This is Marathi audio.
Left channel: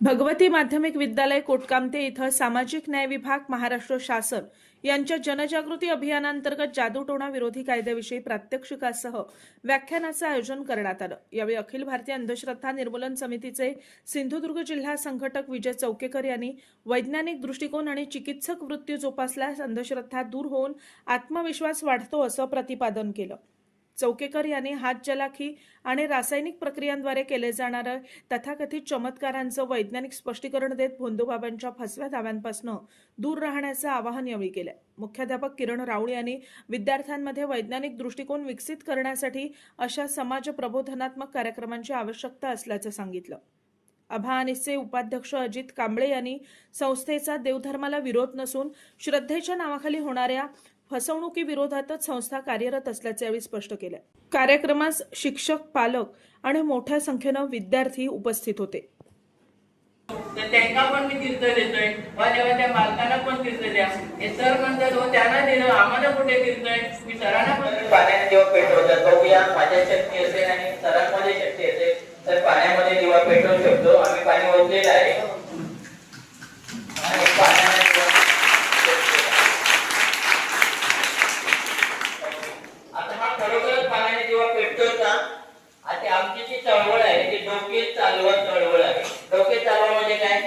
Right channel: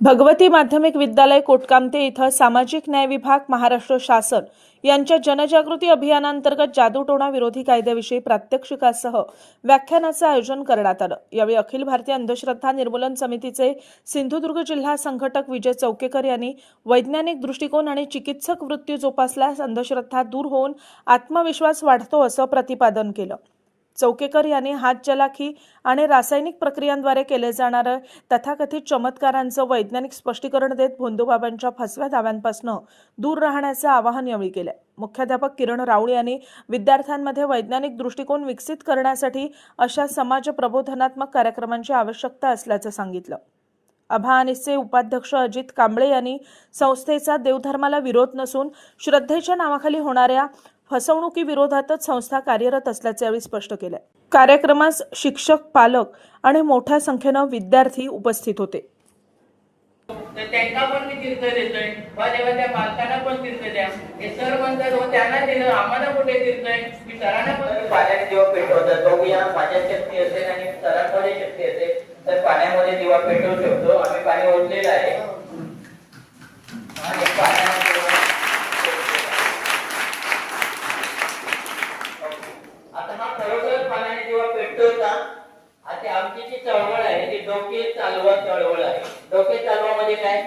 भगवती माध्यमिक विद्यालय कोटकामते इथं सामाजिक न्याय विभाग महाराष्ट्र शासन यांच्या जनजागृती अभियानांतर्गत जादूटोणा विरोधी कायद्याविषयी प्रात्यक्षिकासह व्याख्यानाचे आयोजन करण्यात आलं। यावेळी अखिल भारतीय अंधश्रद्धा निर्मूलन समितीचे सिंधुदुर्ग जिल्हा संघटक विजय चौकेकर यांनी वैज्ञानिक दृष्टिकोन आणि चिकित्सक वृत्ती जोपासल्यास अंधश्रद्धा दूर होऊन आत्मविश्वास वाढतो असं प्रतिपादन केलं। चौकेकर यांनी हातचलाखी आणि रासायनिक प्रक्रियांद्वारे केले जाणारे तथाकथित चमत्कारांचं वैज्ञानिक स्पष्टीकरण देत भोंदूबाबांच्या फसव्या दाव्यांपासून दूर राहण्याचं आवाहन यावेळी केलं। मुख्याध्यापक किरण राऊळ यांनी विद्यार्थ्यांमध्ये वैज्ञानिक दृष्टिकोन विकसित करण्यासाठी अशा समाज प्रबोधनात्मक कार्यक्रमांची आवश्यकता असल्याचं सांगितलं। अभानिसचे उपाध्यक्ष अजित कांबळे यांनी संस्थेचा देवधर्माला विरोध नसून श्रद्धेच्या नावाखाली होणाऱ्या फसवणुकीविरोधातच संस्था कार्यरत असल्याचे यावेळी स्पष्ट केले। कार्यक्रमास शिक्षक, पालक आणि मोठ्या संख्येने विद्यार्थी उपस्थित होते। त्यांना पण कीर्तन देतोय, जेव्हा त्या मालकांना पण कीर्तन द्या, हे सर म्हणतात हो त्यांना दिलं आम्हाला कुठे कीर्तन, मी सरांना पण पाण्याने जेव्हा पेटवतात बघूया माझ्या शक्ती असेल आणि सरांमध्ये शक्ती असेल तर पाण्यामध्ये दिवा पेटवू शकतो। आम्ही पाणी ओतलेलं आहे आणि पाण्याने खरोखरच पाण्याने जेव्हा पेटतो का आता आमची जी चळवळ आहे ती डोके चालवत चळवळ आहे। डोके चालवळ म्हणजे काय,